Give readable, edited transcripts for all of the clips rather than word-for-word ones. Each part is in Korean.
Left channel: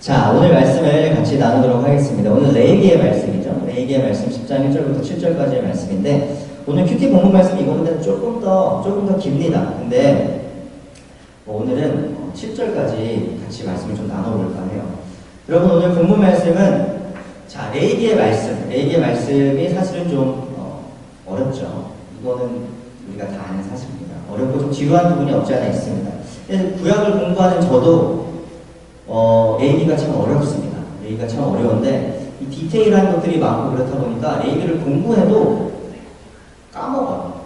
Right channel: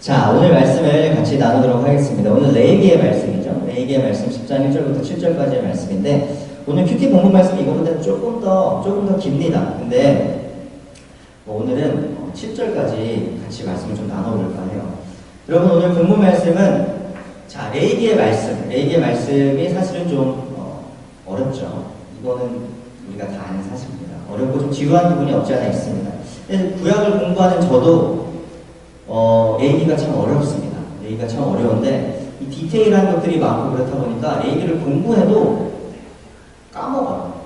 자, 오늘 말씀을 같이 나누도록 하겠습니다. 오늘 레위기의 말씀이죠. 레위기의 말씀 10장 1절부터 7절까지의 말씀인데, 오늘 큐티 본문 말씀이 이거보다 조금 더 깁니다. 근데 오늘은 7절까지 같이 말씀을 좀 나눠볼까 해요. 여러분, 오늘 본문 말씀은 레위기의 말씀이 사실은 좀 어렵죠. 이거는 우리가 다 아는 사실입니다. 어렵고 좀 지루한 부분이 없지 않아 있습니다. 구약을 공부하는 저도 레위기가 참 어렵습니다. 레위기가 참 어려운데 이 디테일한 것들이 많고 그렇다 보니까 레위기를 공부해도 까먹어요.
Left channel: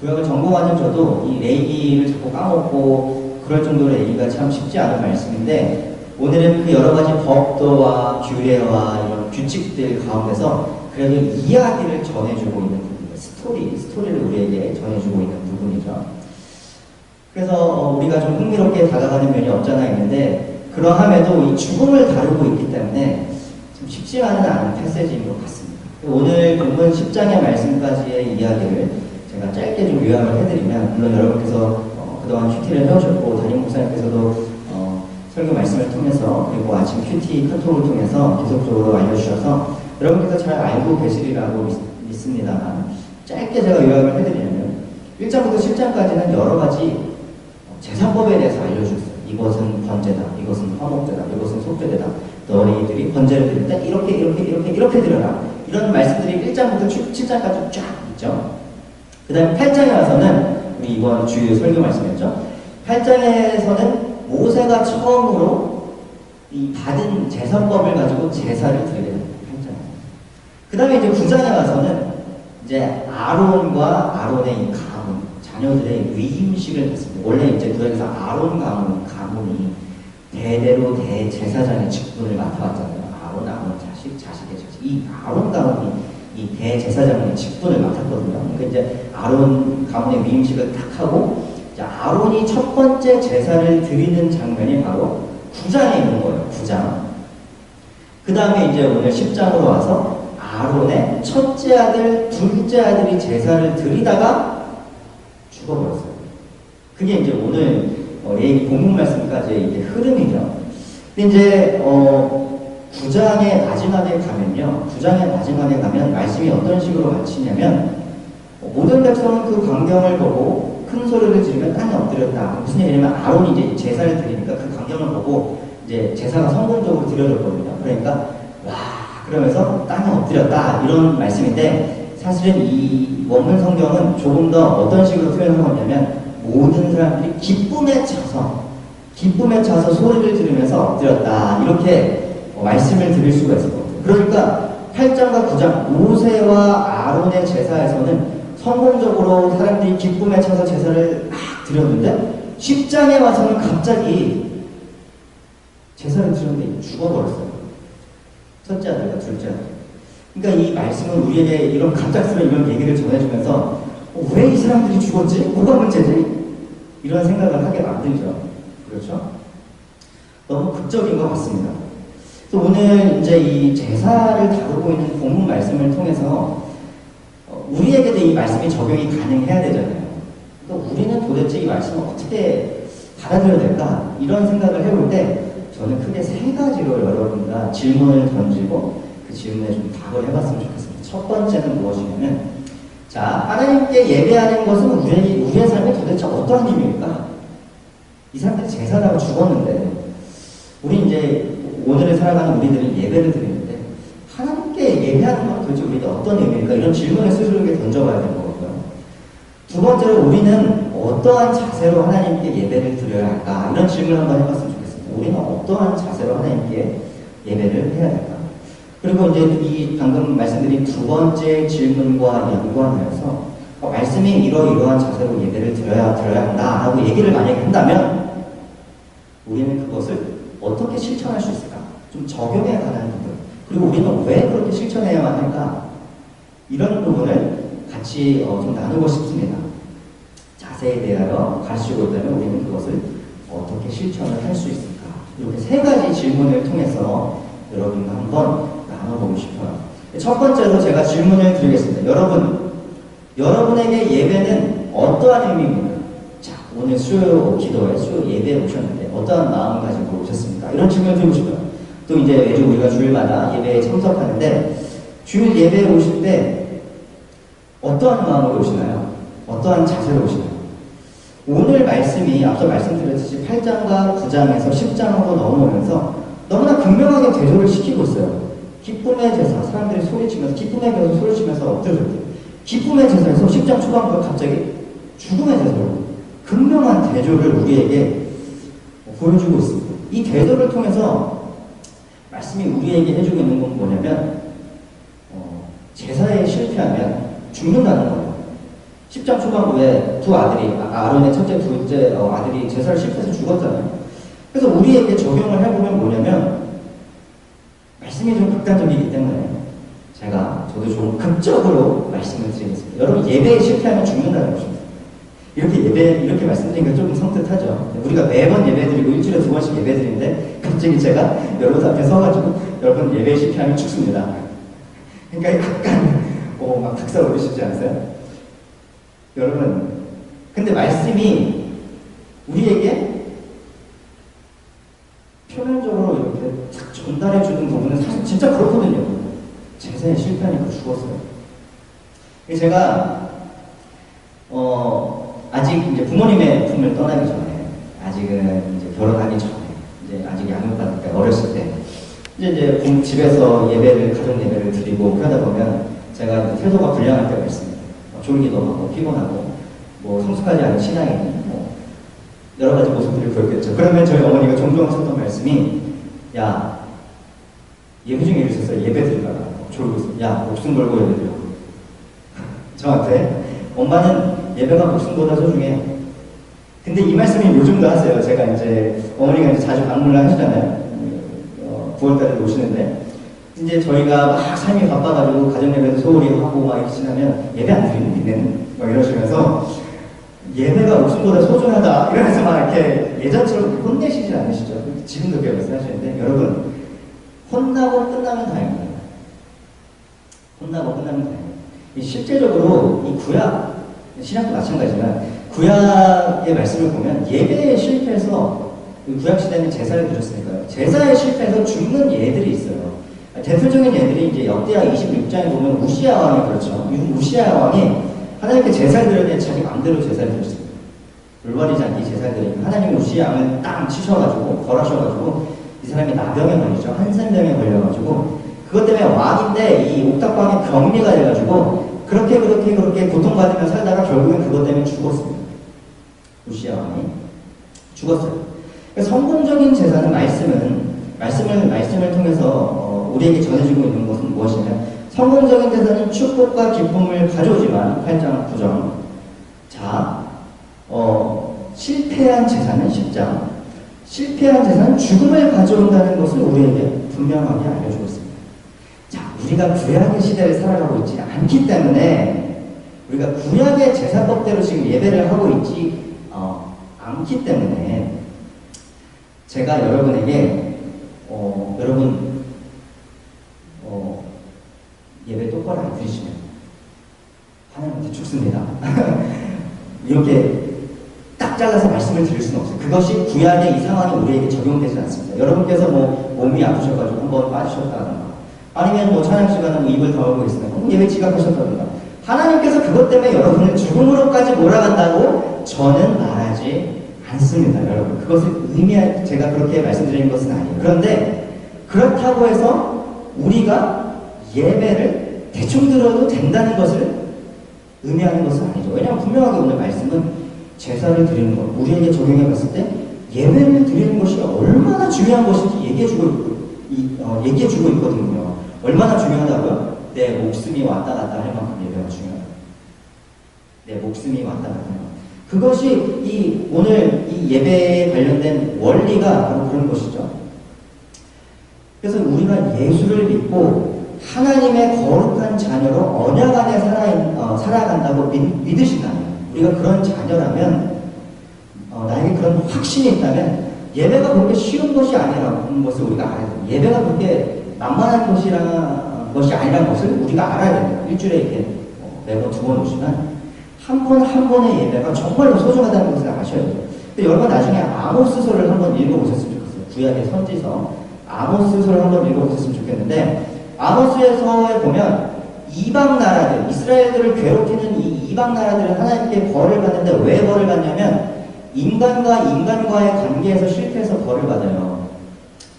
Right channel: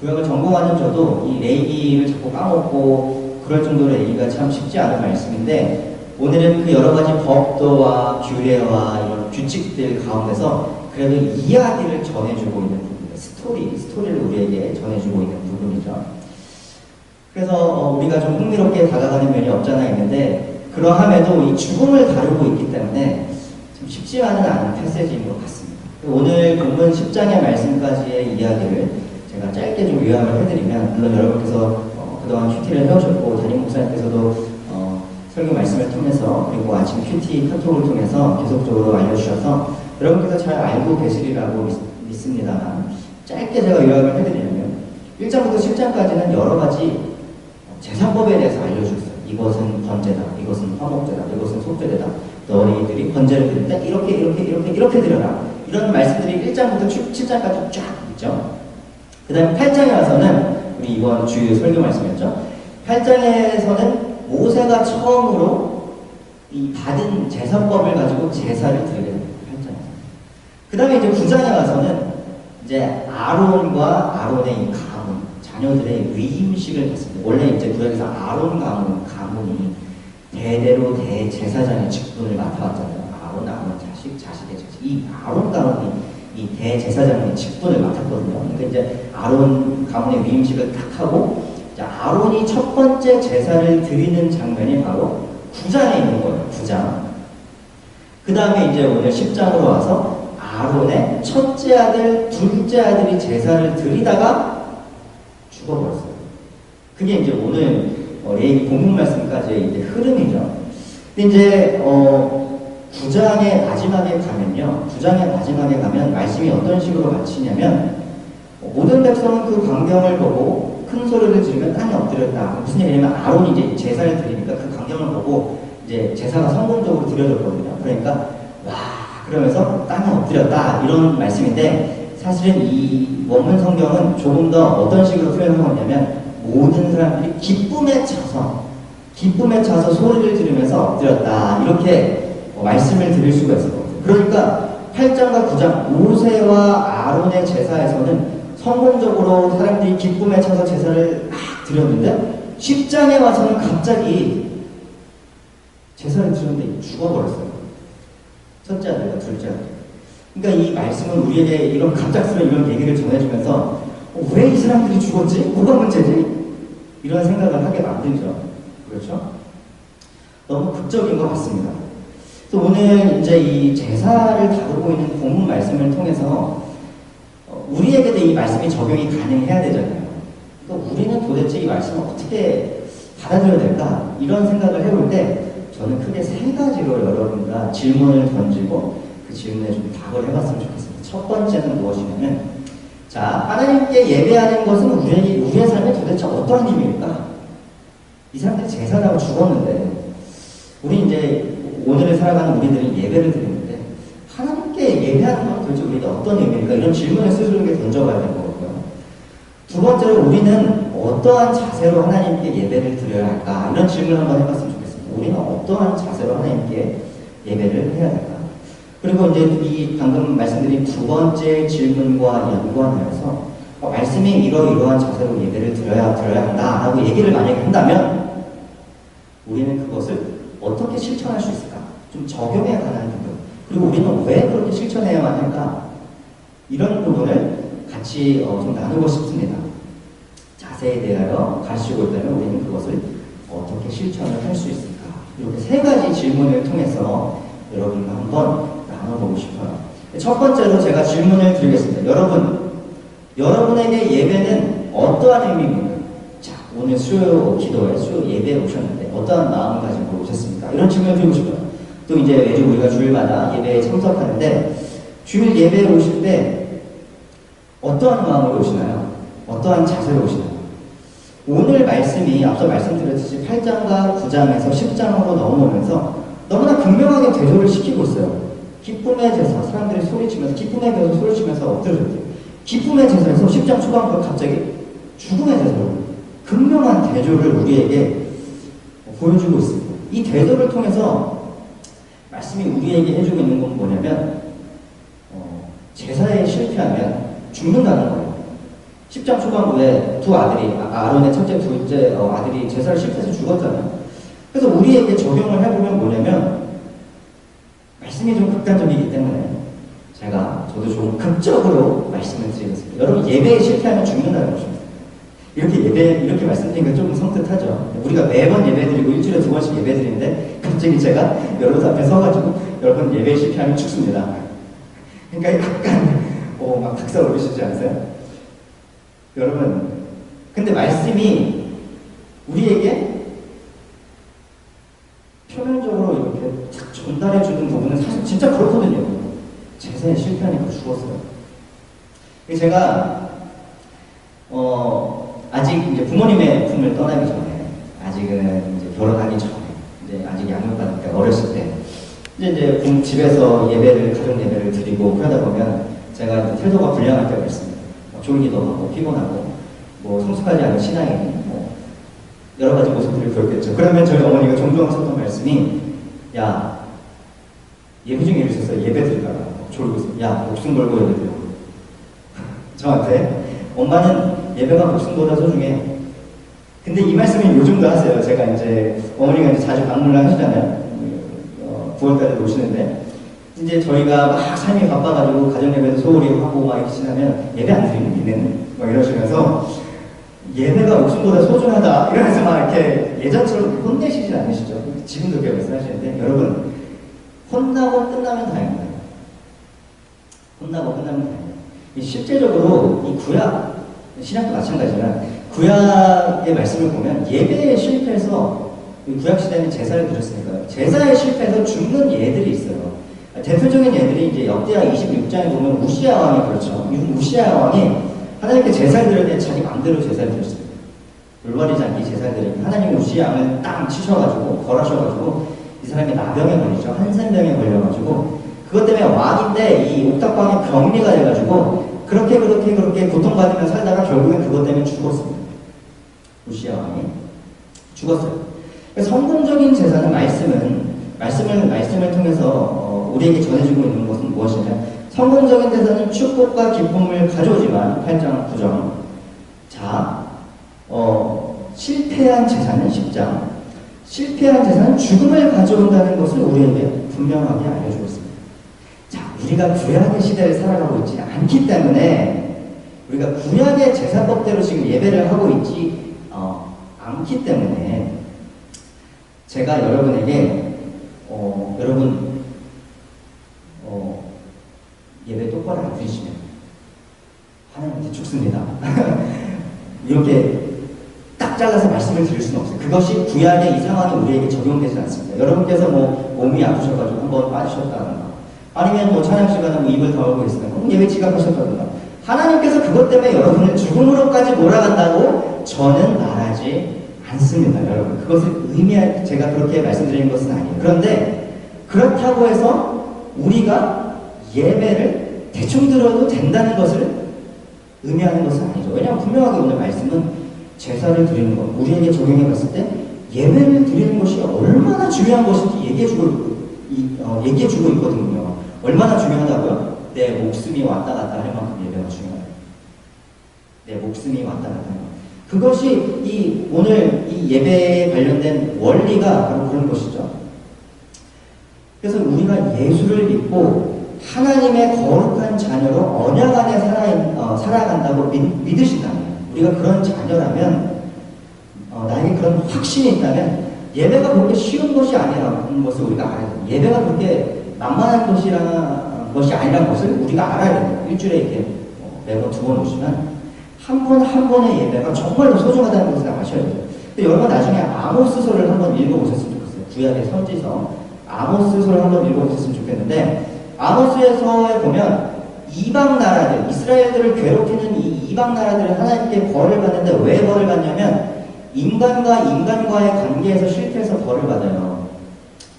구약을 전공하는 저도 이 레위기를 자꾸 까먹고 그럴 정도로 레위기가 참 쉽지 않은 말씀인데, 오늘은 그 여러 가지 법도와 규례와 이런 규칙들 가운데서 그래도 이야기를 전해주고 있는 부분입니다. 스토리를 우리에게 전해주고 있는 부분이죠. 그래서 우리가 좀 흥미롭게 다가가는 면이 없잖아 있는데, 그러함에도 이 죽음을 다루고 있기 때문에 좀 쉽지만은 않은 패세지인 것 같습니다. 오늘 본문 10장의 말씀까지의 이야기를 제가 짧게 좀 요약을 해드리면, 물론 여러분께서 그동안 큐티를 해오셨고 담임 목사님께서도 설교 말씀을 통해서, 그리고 아침 큐티 카톡을 통해서 계속적으로 알려주셔서 여러분께서 잘 알고 계시리라고 믿습니다만, 짧게 제가 요약을 해드리려면 1장부터 10장까지는 여러 가지 제사법에 대해서 알려주셨어요. 이것은 번제다, 이것은 화목제다, 이것은 속죄제다, 너희들이 번제를 드릴 때 이렇게 드려라, 이런 말씀들이 1장부터 7장까지 쫙 있죠. 그 다음에 8장에 와서는, 우리 이번 주일 설교 말씀이었죠. 8장에서는 모세가 처음으로 이 받은 제사법을 가지고 제사를 드리게 됩니다. 8장에서. 그 다음에 이제 9장에 와서는 이제 아론과 아론의 이 가문, 자녀들의 위임식을 했습니다. 원래 이제 구약에서 아론 가문이 대대로 대제사장의 직분을 맡아왔잖아요. 아론 자식의 자식. 이 아론 가문이 이 대제사장의 직분을 맡았거든요. 그러니까 이제 아론 가문의 위임식을 딱 하고, 아론이 첫 번째 제사를 드리는 장면이 바로 9장에 있는 거예요. 9장. 그 다음에 이제 오늘 10장으로 와서 아론의 첫째 아들, 둘째 아들이 제사를 드리다가 죽어버렸어요. 그게 이제 오늘 레위기 본문 말씀까지의 이제 흐름이죠. 근데 이제 9장의 마지막에 가면 말씀이 어떤 식으로 마치냐면, 모든 백성은 그 광경을 보고 큰 소리를 지르며 땅에 엎드렸다. 무슨 얘기냐면, 아론이 이제 제사를 드리니까 그 광경을 보고 이제 제사가 성공적으로 드려졌거든요. 그러니까 와, 그러면서 땅에 엎드렸다, 이런 말씀인데, 사실은 이 원문 성경은 조금 더 어떤 식으로 표현한 거냐면, 모든 사람들이 기쁨에 차서 소리를 지르면서 엎드렸다, 이렇게 말씀을 드릴 수가 있을 것 같아요. 그러니까 8장과 9장 모세와 아론의 제사에서는 성공적으로 사람들이 기쁨에 차서 제사를 막 드렸는데, 10장에 와서는 갑자기 제사를 드렸는데 죽어버렸어요. 첫째 아들과 둘째 아들. 그러니까 이 말씀은 우리에게 이런 갑작스러운 이런 얘기를 전해주면서 왜 이 사람들이 죽었지? 뭐가 문제지? 이런 생각을 하게 만들죠. 그렇죠? 너무 극적인 것 같습니다. 그래서 오늘 이제 이 제사를 다루고 있는 본문 말씀을 통해서 우리에게도 이 말씀이 적용이 가능해야 되잖아요. 그러니까 우리는 도대체 이 말씀을 어떻게 받아들여야 될까? 이런 생각을 해볼 때 저는 크게 세 가지로 여러분과 질문을 던지고 그 질문에 좀 답을 해봤으면 좋겠습니다. 첫 번째는 무엇이냐면, 하나님께 예배하는 것은 우리의 삶에 도대체 어떠한 의미일까? 이 사람들이 제사라고 죽었는데, 우리 이제 오늘을 살아가는 우리들은 예배를 드리는데, 하나님께 예배하는 건 도대체 우리에게 어떤 의미일까? 이런 질문을 스스로에게 던져봐야 될 거고요. 두 번째로, 우리는 어떠한 자세로 하나님께 예배를 드려야 할까? 이런 질문을 한번 해봤으면 좋겠습니다. 우리는 어떠한 자세로 하나님께 예배를 해야 될까? 그리고 이제 이 방금 말씀드린 두 번째 질문과 연관하여서 말씀이 이러이러한 자세로 예배를 드려야 한다라고 얘기를 만약에 한다면, 우리는 그것을 어떻게 실천할 수 있을까? 좀 적용해 가는 부분. 그리고 우리는 왜 그렇게 실천해야만 할까? 이런 부분을 같이 좀 나누고 싶습니다. 자세에 대하여 가르치고 있다면 우리는 그것을 어떻게 실천을 할 수 있을까? 이렇게 세 가지 질문을 통해서 여러분과 한번 나눠보고 싶어요. 첫 번째로 제가 질문을 드리겠습니다. 여러분에게 예배는 어떠한 의미입니까? 오늘 수 기도회, 수 예배에 오셨는데 어떠한 마음을 가지고 오셨습니까? 이런 질문을 드리고 싶어요. 또 이제 매주 우리가 주일마다 예배에 참석하는데 주일 예배에 오실 때 어떠한 마음으로 오시나요? 어떠한 자세로 오시나요? 오늘 말씀이 앞서 말씀드렸듯이 8장과 9장에서 10장으로 넘어오면서 너무나 극명하게 대조를 시키고 있어요. 기쁨의 제사, 사람들이 소리치면서 기쁨의 제사 소리치면서 엎드려졌대요. 기쁨의 제사에서 10장 초반부터 갑자기 죽음의 제사로 극명한 대조를 우리에게 보여주고 있습니다. 이 대조를 통해서 말씀이 우리에게 해주고 있는 건 뭐냐면 제사에 실패하면 죽는다는 거예요. 10장 초반부에 두 아들이, 아론의 첫째, 둘째 아들이 제사를 실패해서 죽었잖아요. 그래서 우리에게 적용을 해보면 뭐냐면 말씀이 좀 극단적이기 때문에 저도 좀 극적으로 말씀을 드리겠습니다. 여러분 예배에 실패하면 죽는다는 것입니다. 이렇게 말씀드리니까 조금 성뜻하죠. 우리가 매번 예배 드리고 일주일에 2번씩 예배 드리는데 갑자기 제가 여러분 앞에 서가지고 여러분 예배에 실패하면 죽습니다. 그러니까 약간 막 닭살 오르시지 않으세요? 여러분 근데 말씀이 우리에게 표면적으로 이렇게 탁 전달해주는 부분은 사실 진짜 그렇거든요. 제사에 실패하니까 죽었어요. 제가 아직 이제 부모님의 품을 떠나기 전에, 아직은 이제 결혼하기 전에, 이제 아직 양육받을 때 어렸을 때, 이제 집에서 가족 예배를 드리고 그러다 보면 제가 이제 태도가 불량할 때가 있습니다. 졸기도 하고 피곤하고 성숙하지 않은 신앙인이 여러 가지 모습들을 보였겠죠. 그러면 저희 어머니가 종종 하셨던 말씀이 야 예배 중에 이러셨어요. 예배 드리다가 졸고 있어요. 야 목숨 걸고 예배 드려. 저한테 엄마는 예배가 목숨보다 소중해. 근데 이 말씀이 요즘도 하세요. 제가 이제 어머니가 이제 자주 방문을 하시잖아요. 9월달에 오시는데 이제 저희가 막 삶이 바빠가지고 가정예배도 소홀히 하고 막 이렇게 지나면 예배 안 드리는 니네는 막 이러시면서 예배가 목숨보다 소중하다 이러면서 막 이렇게 예전처럼 혼내시진 않으시죠. 지금도 그렇게 말씀하시는데 여러분 혼나고 끝나면 다행입니다. 혼나고 끝나면 다행입니다. 실제적으로 이 구약 신약도 마찬가지지만 구약의 말씀을 보면 예배에 실패해서 구약 시대는 제사를 드렸으니까요. 제사에 실패해서 죽는 예들이 있어요. 대표적인 예들이 이제 역대하 26장에 보면 우시야 왕이 그렇죠. 우시야 왕이 하나님께 제사를 드렸는데 자기 마음대로 제사를 드렸습니다. 올바르지 않게 제사를 드리니까 하나님이 우시야 왕을 땅 치셔가지고 벌하셔가지고 이 사람이 나병에 걸리죠. 한센병에 걸려가지고 그것 때문에 왕인데 이 옥탑방에 격리가 돼가지고 그렇게 고통받으며 살다가 결국엔 그것 때문에 죽었습니다. 우시야 왕이 죽었어요. 성공적인 제사는 말씀을 통해서 우리에게 전해지고 있는 것은 무엇이냐? 성공적인 제사는 축복과 기쁨을 가져오지만 8장 9절. 자, 실패한 제사는 10장. 실패한 제사는 죽음을 가져온다는 것을 우리에게 분명하게 알려주고 있습니다. 자, 우리가 구약의 시대를 살아가고 있지 않기 때문에 우리가 구약의 제사법대로 지금 예배를 하고 있지 않기 때문에 제가 여러분에게 여러분 예배 똑바로 안 드리시면 하나님한테 죽습니다. 이렇게 딱 잘라서 말씀을 드릴 수는 없어요. 그것이 구약의 이 상황이 우리에게 적용되지 않습니다. 여러분께서 몸이 아프셔가지고 한번 빠지셨다든가 아니면 찬양 시간에 입을 다물고 있으면 예배 지각하셨다든가 하나님께서 그것 때문에 여러분을 죽음으로까지 몰아간다고 저는 말하지 않습니다. 여러분 그것을 제가 그렇게 말씀드리는 것은 아니에요. 그런데 그렇다고 해서 우리가 예배를 대충 들어도 된다는 것을 의미하는 것은 아니죠. 왜냐하면 분명하게 오늘 말씀은 제사를 드리는 것, 우리에게 적용해 봤을 때 예배를 드리는 것이 얼마나 중요한 것인지 얘기해주고 있거든요. 얼마나 중요하다고요? 내 목숨이 왔다 갔다 할 만큼 예배가 중요하다. 내 목숨이 왔다 갔다 할 만큼. 그것이 오늘 이 예배에 관련된 원리가 바로 그런 것이죠. 그래서 우리가 예수를 믿고 하나님의 거룩한 자녀로 언약 안에 살아간다고 믿으신다면, 우리가 그런 자녀라면, 나에게 그런 확신이 있다면 예배가 그렇게 쉬운 것이 아니라는 것을 우리가 알아야 됩니다. 예배가 그렇게 만만한 것이 아니라는 것을 우리가 알아야 됩니다. 일주일에 이렇게 매번 2번 오시면 한 번 한 번의 예배가 정말로 소중하다는 것을 아셔야 돼요. 근데 여러분 나중에 아모스서를 한번 읽어보셨으면 좋겠어요. 구약의 선지서 아모스서를 한번 읽어보셨으면 좋겠는데, 아모스서에 보면 이방 나라들, 이스라엘들을 괴롭히는 이 이방 나라들은 하나님께 벌을 받는데 왜 벌을 받냐면 인간과 인간과의 관계에서 실패해서 벌을 받아요.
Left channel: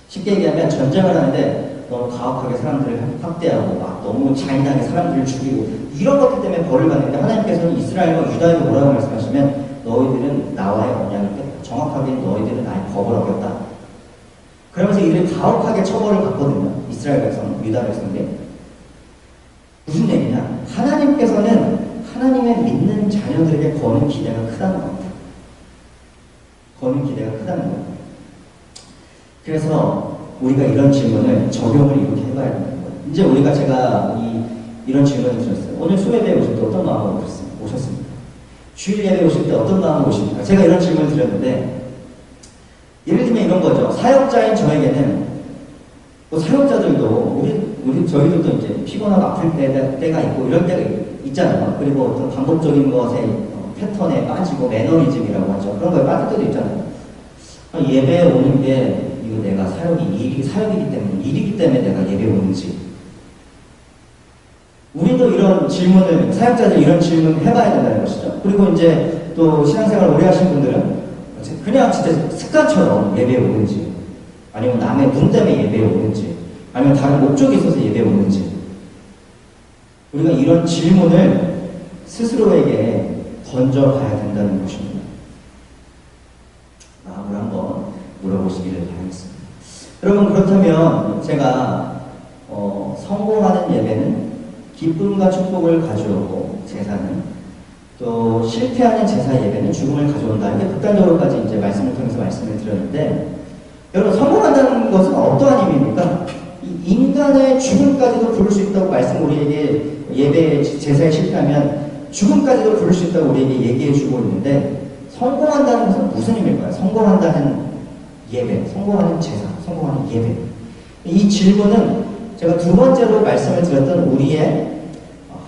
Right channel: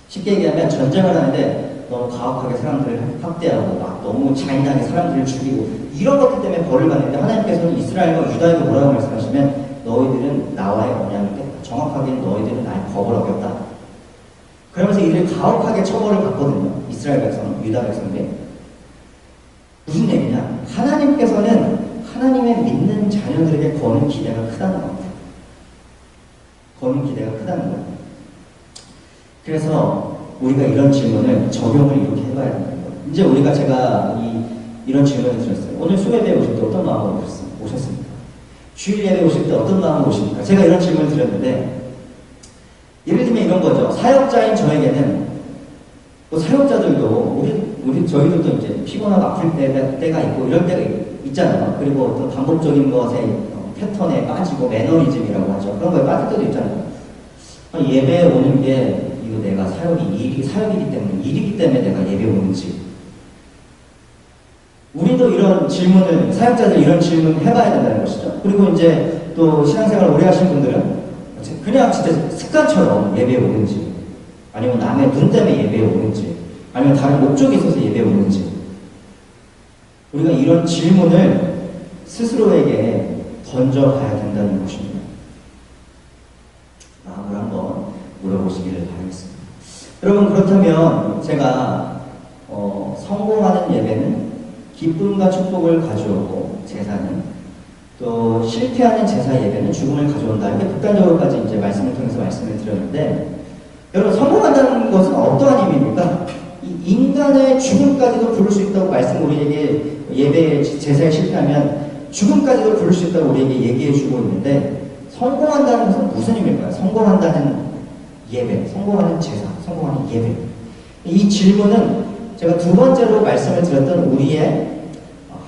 쉽게 얘기하면 전쟁을 하는데 너무 가혹하게 사람들을 학대하고 막 너무 잔인하게 사람들을 죽이고 이런 것들 때문에 벌을 받는데, 하나님께서는 이스라엘과 유다에게 뭐라고 말씀하시면 너희들은 나와의 언약을 깼다. 정확하게 너희들은 나의 법을 어겼다. 그러면서 이들이 가혹하게 처벌을 받거든요. 이스라엘 백성, 유다 백성들. 무슨 얘기냐? 하나님께서는 하나님의 믿는 자녀들에게 거는 기대가 크다는 겁니다. 거는 기대가 크다는 겁니다. 그래서 우리가 이런 질문을 적용을 이렇게 해봐야 된다는 거예요. 이제 우리가 제가 이런 질문을 드렸어요. 오늘 수배대에 오실 때 어떤 마음으로 오셨습니까? 주일 예배 오실 때 어떤 마음으로 오십니까? 제가 이런 질문을 드렸는데, 예를 들면 이런 거죠. 사역자인 저에게는, 또 사역자들도 저희들도 이제 피곤하고 아플 때가 있고 이럴 때가 있잖아요. 그리고 어떤 반복적인 것에 패턴에 빠지고 매너리즘이라고 하죠. 그런 거에 빠질 때도 있잖아요. 예배에 오는 게 이거 내가 사역이기 때문에 일이기 때문에 내가 예배 오는지. 우리도 이런 질문을, 사역자들 이런 질문 해봐야 된다는 것이죠. 그리고 이제 또 신앙생활 오래 하신 분들은 그냥 진짜 습관처럼 예배에 오는지, 아니면 남의 눈 때문에 예배에 오는지, 아니면 다른 목적이 있어서 예배에 오는지, 우리가 이런 질문을 스스로에게 던져봐야 된다는 것입니다. 마음을 한번 물어보시기를 바라겠습니다. 여러분, 그렇다면 제가 성공하는 예배는 기쁨과 축복을 가져오고, 제사는 또 실패하는 제사 예배는 죽음을 가져온다. 이렇게 극단적으로까지 이제 말씀을 통해서 말씀을 드렸는데, 여러분, 성공한다는 것은 어떠한 의미입니까? 이 인간의 죽음까지도 부를 수 있다고 말씀, 우리에게 예배 제사에 실패하면 죽음까지도 부를 수 있다고 우리에게 얘기해 주고 있는데, 성공한다는 것은 무슨 의미일까요? 성공한다는 예배, 성공하는 제사, 성공하는 예배. 이 질문은 제가 두 번째로 말씀을 드렸던 우리의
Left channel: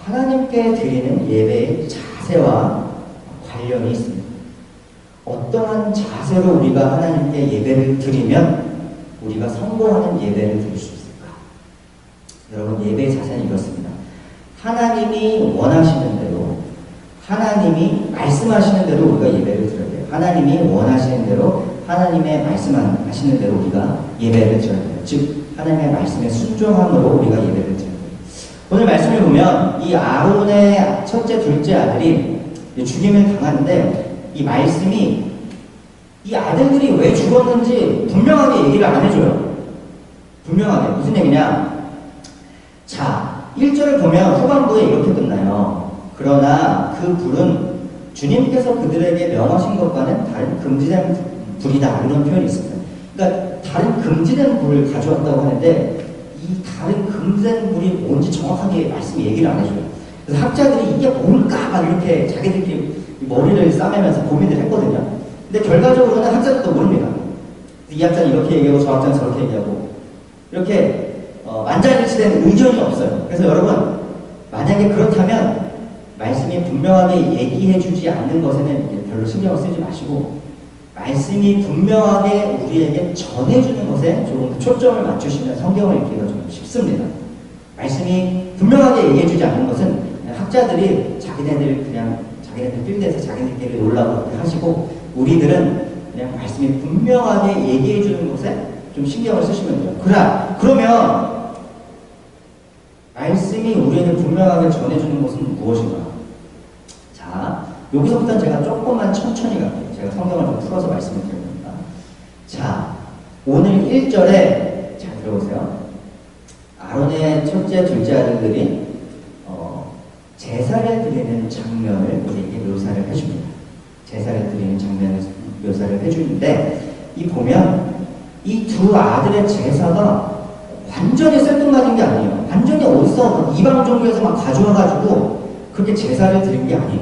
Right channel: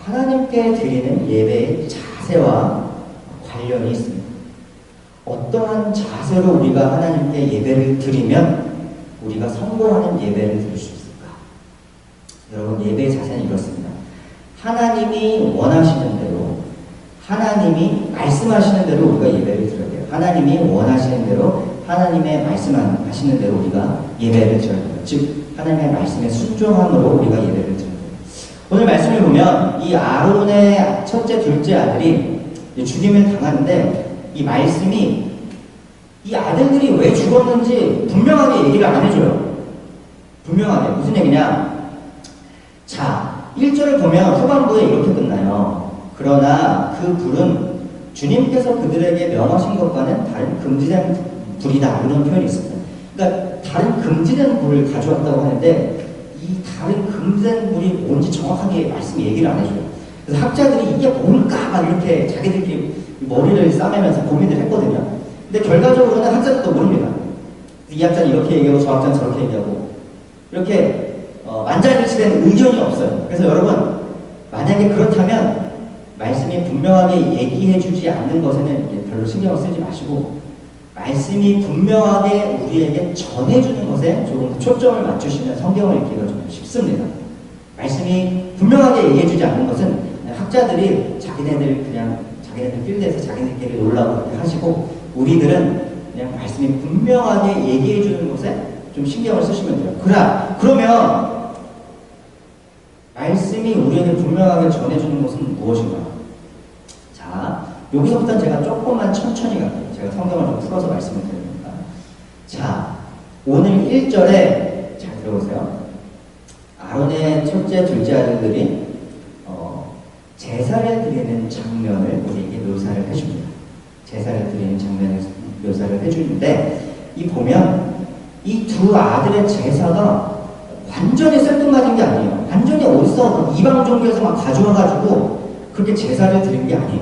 하나님께 드리는 예배의 자세와 관련이 있습니다. 어떠한 자세로 우리가 하나님께 예배를 드리면 우리가 성공하는 예배를 드릴 수 있을까? 여러분, 예배의 자세는 이렇습니다. 하나님이 원하시는 대로, 하나님이 말씀하시는 대로 우리가 예배를 드려야 돼요. 하나님이 원하시는 대로, 하나님의 말씀하시는 대로 우리가 예배를 드려야 돼요. 즉, 하나님의 말씀에 순종함으로 우리가 예배를 드려야 돼요. 오늘 말씀을 보면 이 아론의 첫째, 둘째 아들이 죽임을 당하는데, 이 말씀이 이 아들들이 왜 죽었는지 분명하게 얘기를 안 해줘요. 분명하게. 무슨 얘기냐? 자, 1절을 보면 후반부에 이렇게 끝나요. 그러나 그 불은 주님께서 그들에게 명하신 것과는 다른 금지된 불이다. 이런 표현이 있습니다. 그러니까 다른 금지된 불을 가져왔다고 하는데, 이 다른 금지된 불이 뭔지 정확하게 말씀 얘기를 안 해줘요. 그래서 학자들이 이게 뭘까? 막 이렇게 자기들끼리 머리를 싸매면서 고민을 했거든요. 근데 결과적으로는 학자들도 모릅니다. 이 학자는 이렇게 얘기하고 저 학자는 저렇게 얘기하고, 이렇게 만장일치된 의견이 없어요. 그래서 여러분, 만약에 그렇다면 말씀이 분명하게 얘기해주지 않는 것에는 별로 신경을 쓰지 마시고, 말씀이 분명하게 우리에게 전해주는 것에 조금 더 초점을 맞추시면 성경을 읽기가 좀 쉽습니다. 말씀이 분명하게 얘기해주지 않는 것은 학자들이 자기네들 필드에서 자기네들끼리 놀라고 그렇게 하시고, 우리들은 그냥 말씀이 분명하게 얘기해주는 것에 좀 신경을 쓰시면 돼요. 그러면 말씀이 우리에게 분명하게 전해주는 것은 무엇인가? 자, 여기서부터는 제가 조금만 천천히 갈게요. 제가 성경을 좀 풀어서 말씀을 드립니다. 자, 오늘 1절에 잘 들어보세요. 아론의 첫째, 둘째 아들들이 제사를 드리는 장면을 우리에게 묘사를 해줍니다. 제사를 드리는 장면을 묘사를 해주는데, 보면 이 두 아들의 제사가 완전히 생뚱맞은 게 아니에요. 완전히 어디서 이방 종교에서 막 가져와가지고 그렇게 제사를 드린 게 아니에요.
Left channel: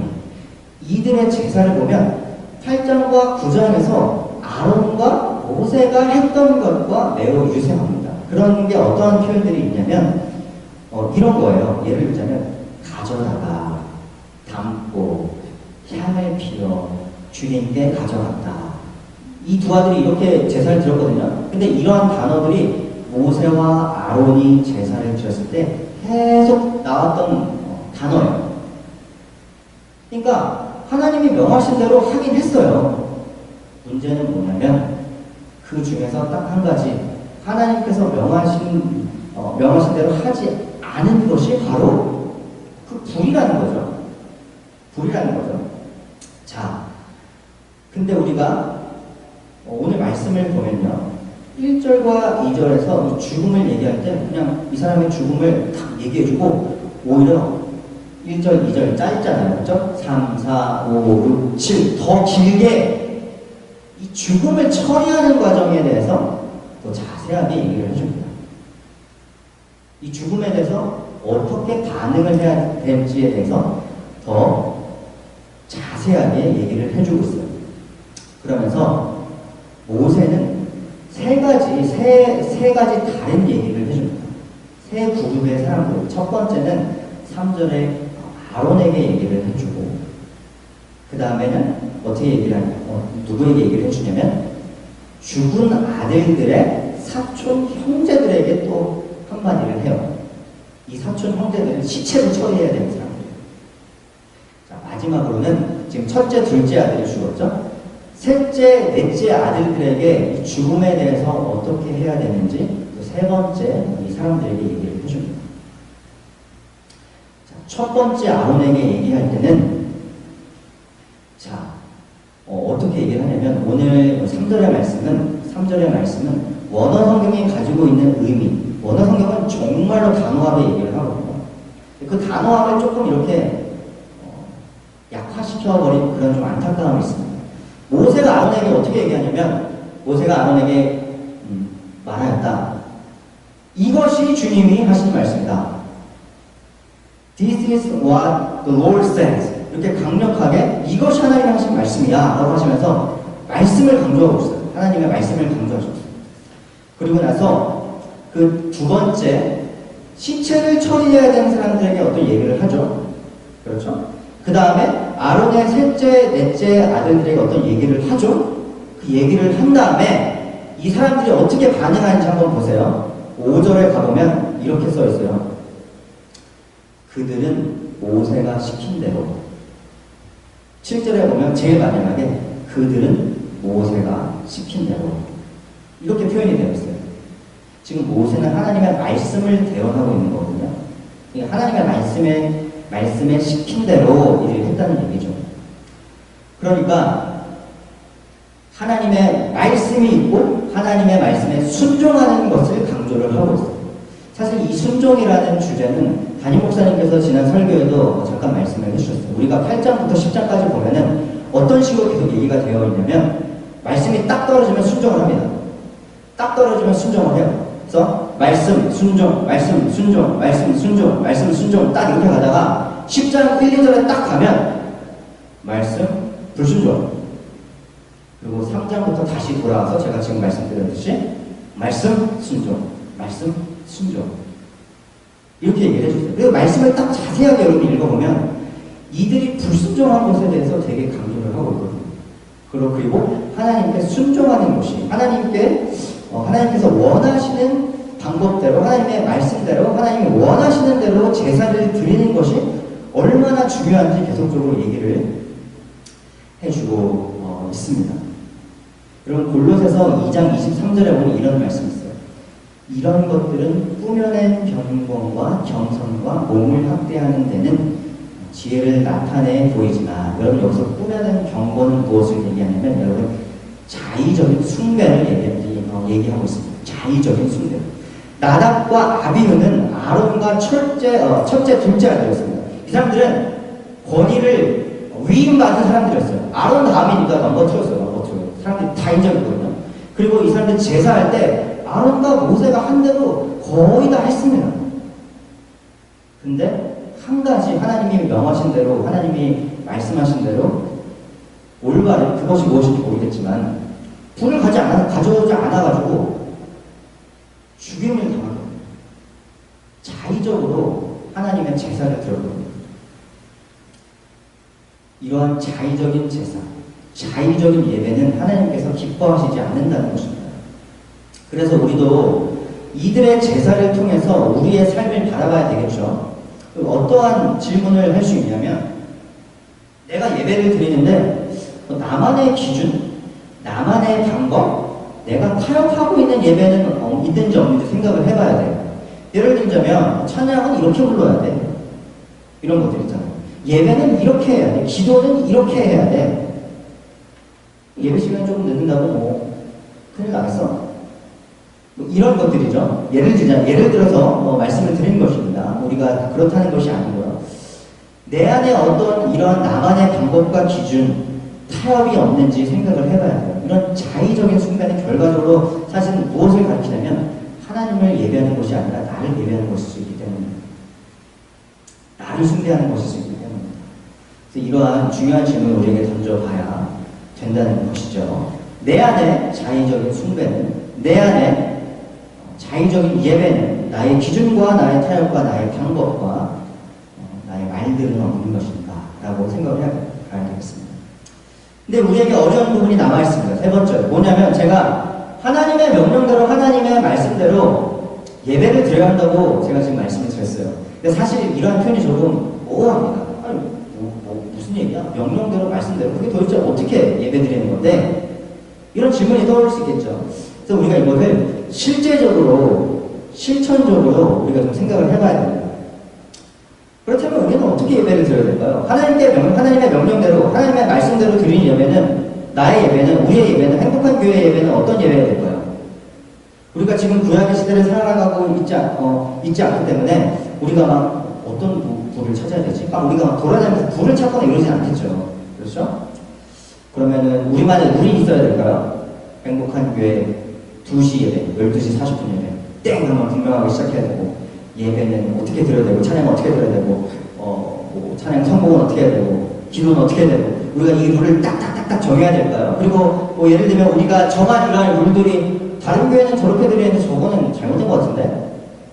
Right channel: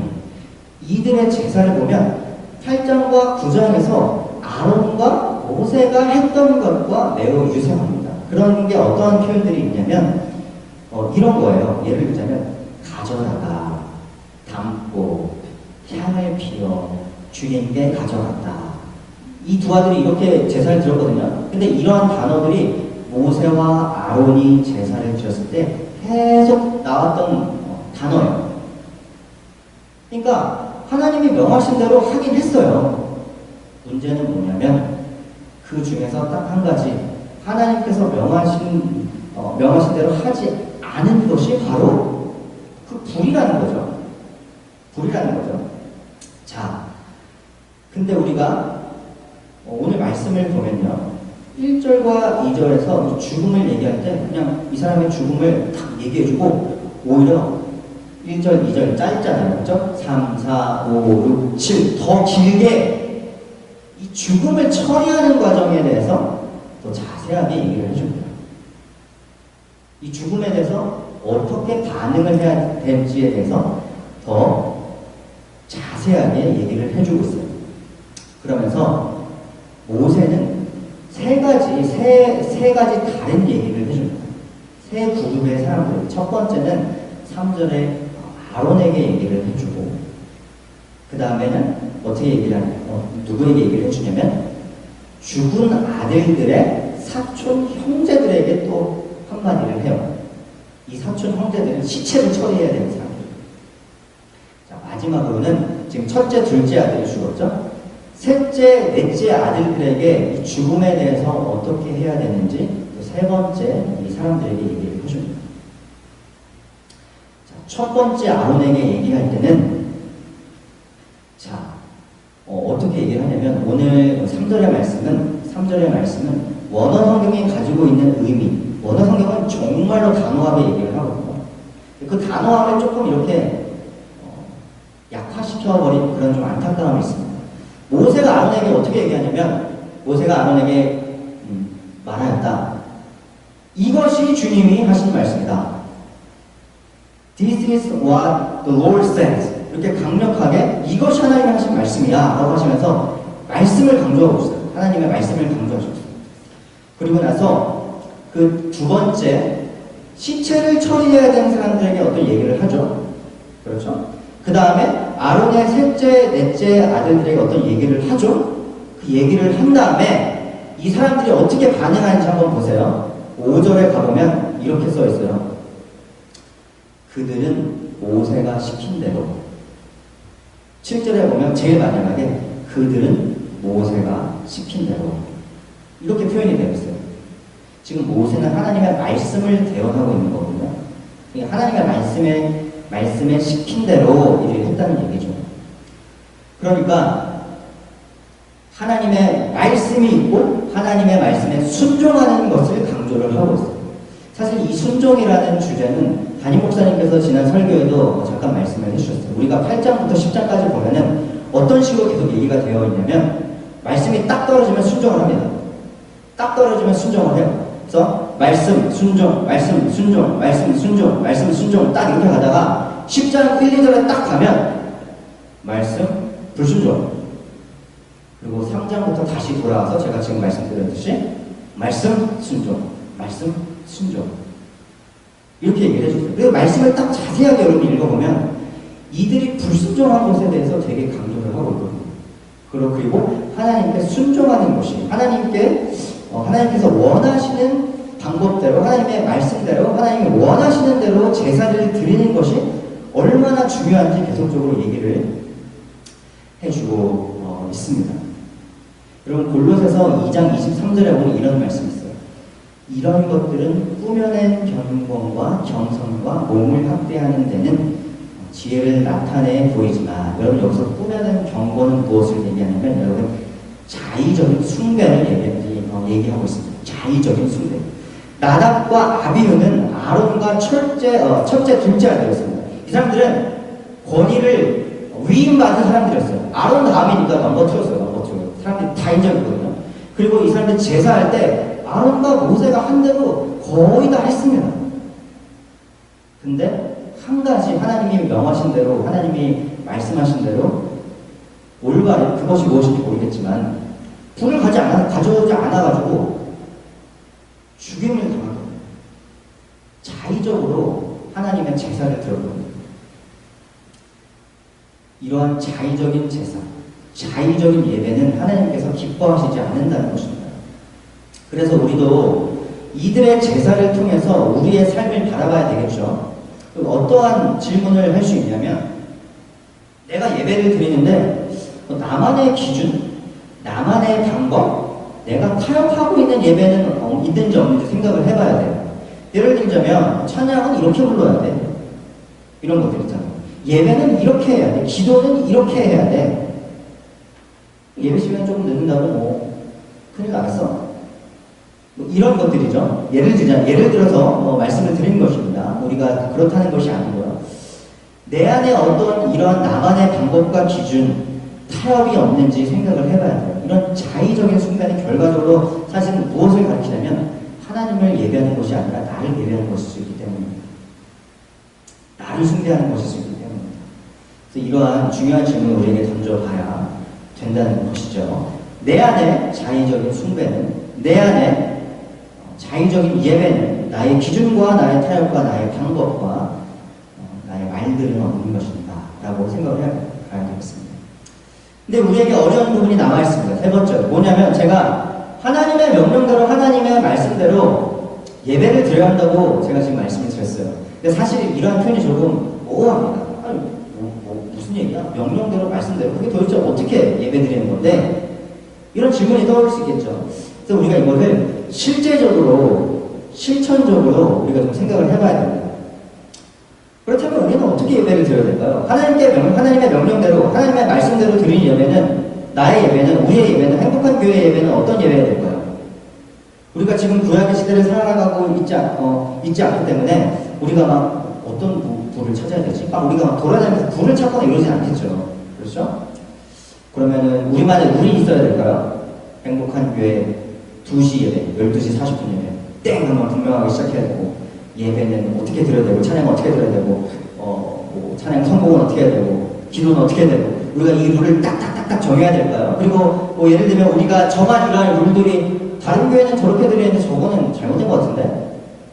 이들의 제사를 보면 8장과 9장에서 아론과 모세가 했던 것과 매우 유사합니다. 그런 게 어떠한 표현들이 있냐면 이런 거예요. 예를 들자면 가져다가, 담고, 향을 피워 주님께 가져갔다. 이 두 아들이 이렇게 제사를 드렸거든요. 근데 이러한 단어들이 모세와 아론이 제사를 드렸을 때 계속 나왔던 단어예요. 그러니까 하나님이 명하신 대로 하긴 했어요. 문제는 뭐냐면 그 중에서 딱 한 가지 하나님께서 명하신 대로 하지 않은 것이 바로 그 불이라는 거죠. 불이라는 거죠. 자, 근데 우리가 오늘 말씀을 보면요. 1절과 2절에서 이 죽음을 얘기할 때 그냥 이 사람의 죽음을 딱 얘기해주고 오히려 1절, 2절 짧잖아요. 그렇죠? 3, 4, 5, 6, 7 더 길게 이 죽음을 처리하는 과정에 대해서 더 자세하게 얘기를 해줍니다. 이 죽음에 대해서 어떻게 반응을 해야 될지에 대해서 더 자세하게 얘기를 해주고 있어요. 그러면서 모세는 세 가지 다른 얘기를 해줍니다. 세 그룹의 사람들. 첫 번째는 3절에 아론에게 얘기를 해주고, 그 다음에는 어떻게 얘기를 누구에게 얘기를 해주냐면, 죽은 아들들의 사촌 형제들에게 또 한마디를 해요. 이 사촌 형제들은 시체를 처리해야 되는 사람들이에요. 자, 마지막으로는 지금 첫째, 둘째 아들이 죽었죠? 셋째, 넷째 아들들에게 이 죽음에 대해서 어떻게 해야 되는지 또 세 번째 이 사람들에게 얘기를 해줍니다. 자, 첫 번째 아론에게 얘기할 때는 어떻게 얘기를 하냐면 오늘 3절의 말씀은 원어 성경이 가지고 있는 의미, 원어 성경은 정말로 단호하게 얘기를 하거든요. 그 단호함을 조금 이렇게 약화시켜버린 그런 좀 안타까움이 있습니다. 모세가 아론에게 어떻게 얘기하냐면 모세가 아론에게 말하였다. 이것이 주님이 하신 말씀이다. This is what the Lord says. 이렇게 강력하게 이것이 하나님이 하신 말씀이야 라고 하시면서 말씀을 강조하고 있어요. 하나님의 말씀을 강조하고 있어요. 그리고 나서 그 두 번째 시체를 처리해야 되는 사람들에게 어떤 얘기를 하죠. 그렇죠? 그 다음에 아론의 셋째, 넷째 아들들에게 어떤 얘기를 하죠. 그 얘기를 한 다음에 이 사람들이 어떻게 반응하는지 한번 보세요. 5절에 가보면 이렇게 써 있어요. 그들은 모세가 시킨 대로. 7절에 보면 제일 마지막에 그들은 모세가 시킨 대로. 이렇게 표현이 되어 있어요. 지금 모세는 하나님의 말씀을 대언하고 있는 거거든요. 하나님의 말씀에 시킨 대로 일을 했다는 얘기죠. 그러니까 하나님의 말씀이 있고 하나님의 말씀에 순종하는 것을 강조를 하고 있어요. 사실 이 순종이라는 주제는 담임 목사님께서 지난 설교에도 잠깐 말씀을 해주셨어요. 우리가 8장부터 10장까지 보면은 어떤 식으로 계속 얘기가 되어 있냐면 말씀이 딱 떨어지면 순종을 합니다. 딱 떨어지면 순종을 해요. 그래서 말씀, 순종, 말씀, 순종, 말씀, 순종, 말씀, 순종 딱 이렇게 가다가 10장 1, 2절에 딱 가면 말씀, 불순종. 그리고 3장부터 다시 돌아와서 제가 지금 말씀드렸듯이 말씀, 순종, 말씀, 순종. 이렇게 얘기를 해주세요. 그리고 말씀을 딱 자세하게 여러분이 읽어보면 이들이 불순종한 것에 대해서 되게 강조를 하고 있거든요. 그리고 하나님께 순종하는 것이 하나님께서 원하시는 방법대로 하나님의 말씀대로 하나님이 원하시는 대로 제사를 드리는 것이 얼마나 중요한지 계속적으로 얘기를 해주고 있습니다. 여러분 골로새서 2장 23절에 보면 이런 말씀이 있어요. 이런 것들은 꾸며낸 경건과 경선과 몸을 확대하는 데는 지혜를 나타내 보이지만 여러분 여기서 꾸며낸 경건은 무엇을 얘기하냐면 여러분 자의적인 숭배를 얘기하고 있습니다. 자의적인 숭배. 나답과 아비후는 아론과 첫째, 둘째 아들이었습니다. 이 사람들은 권위를 위임받은 사람들이었어요. 아론 다음이니까 넘버 2였어요. 넘버 2. 사람들이 다 인정했거든요. 그리고 이 사람들 제사할 때 아론과 모세가 한 대로 거의 다 했습니다. 근데 한 가지 하나님이 명하신 대로 하나님이 말씀하신 대로 올바른 그것이 무엇인지 모르겠지만 불을 가져오지 않아가지고 죽임을 당하거든요. 자의적으로 하나님의 제사를 드렸거든요. 이러한 자의적인 제사, 자의적인 예배는 하나님께서 기뻐하시지 않는다는 것입니다. 그래서 우리도 이들의 제사를 통해서 우리의 삶을 바라봐야 되겠죠. 어떠한 질문을 할 수 있냐면, 내가 예배를 드리는데 나만의 기준, 나만의 방법, 내가 타협하고 있는 예배는 있는지 없는지 생각을 해봐야 돼요. 예를 들자면 찬양은 이렇게 불러야 돼, 이런 것들 있잖아요. 예배는 이렇게 해야 돼, 기도는 이렇게 해야 돼. 예배 시간이 조금 늦는다고 뭐 큰일 나겠어? 뭐 이런 것들이죠. 예를 들어서 말씀을 드리는 것입니다. 우리가 그렇다는 것이 아니고요. 내 안에 어떤 이런 나만의 방법과 기준, 타협이 없는지 생각을 해봐야 돼요. 이런 자의적인 숭배는 결과적으로 사실은 무엇을 가리키냐면 하나님을 예배하는 것이 아니라 나를 예배하는 것일 수 있기 때문입니다. 나를 숭배하는 것일 수 있기 때문입니다. 그래서 이러한 중요한 질문을 우리에게 던져봐야 된다는 것이죠. 내 안에 자의적인 숭배는, 내 안에 자의적인 예배는 나의 기준과 나의 타협과 나의 방법과 나의 말들은 없는 것인가 라고 생각을 해봐야 되겠습니다. 근데 우리에게 어려운 부분이 남아있습니다. 세 번째로 뭐냐면, 제가 하나님의 명령대로 하나님의 말씀대로 예배를 드려야 한다고 제가 지금 말씀을 드렸어요. 근데 사실 이러한 표현이 조금 모호합니다. 아니 무슨 얘기야? 명령대로 말씀대로 그게 도대체 어떻게 예배 드리는 건데? 이런 질문이 떠오를 수 있겠죠. 그래서 우리가 이것을 실제적으로, 실천적으로 우리가 좀 생각을 해봐야 됩니다. 그렇다면 우리는 어떻게 예배를 드려야 될까요? 하나님의 명령대로, 하나님의 말씀대로 드리는 예배는, 나의 예배는, 우리의 예배는, 행복한 교회의 예배는 어떤 예배가 될까요? 우리가 지금 구약의 시대를 살아가고 있지 않기 때문에 우리가 막 어떤 불을 찾아야 되지? 우리가 막 돌아다니면서 불을 찾거나 이러진 않겠죠. 그렇죠? 그러면은 우리 있어야 될까요? 행복한 교회 2시 예배, 12시 40분 예배, 땡! 하면 분명하게 시작해야 되고, 예배는 어떻게 드려야 되고, 찬양은 어떻게 드려야 되고, 찬양 성공은 어떻게 해야 되고, 기도는 어떻게 해야 되고, 우리가 이 룰을 딱딱딱딱 정해야 될까요? 그리고 예를 들면 우리가 정한 이러한 룰들이 다른 교회는 저렇게 드리는데 저거는 잘못된 것 같은데?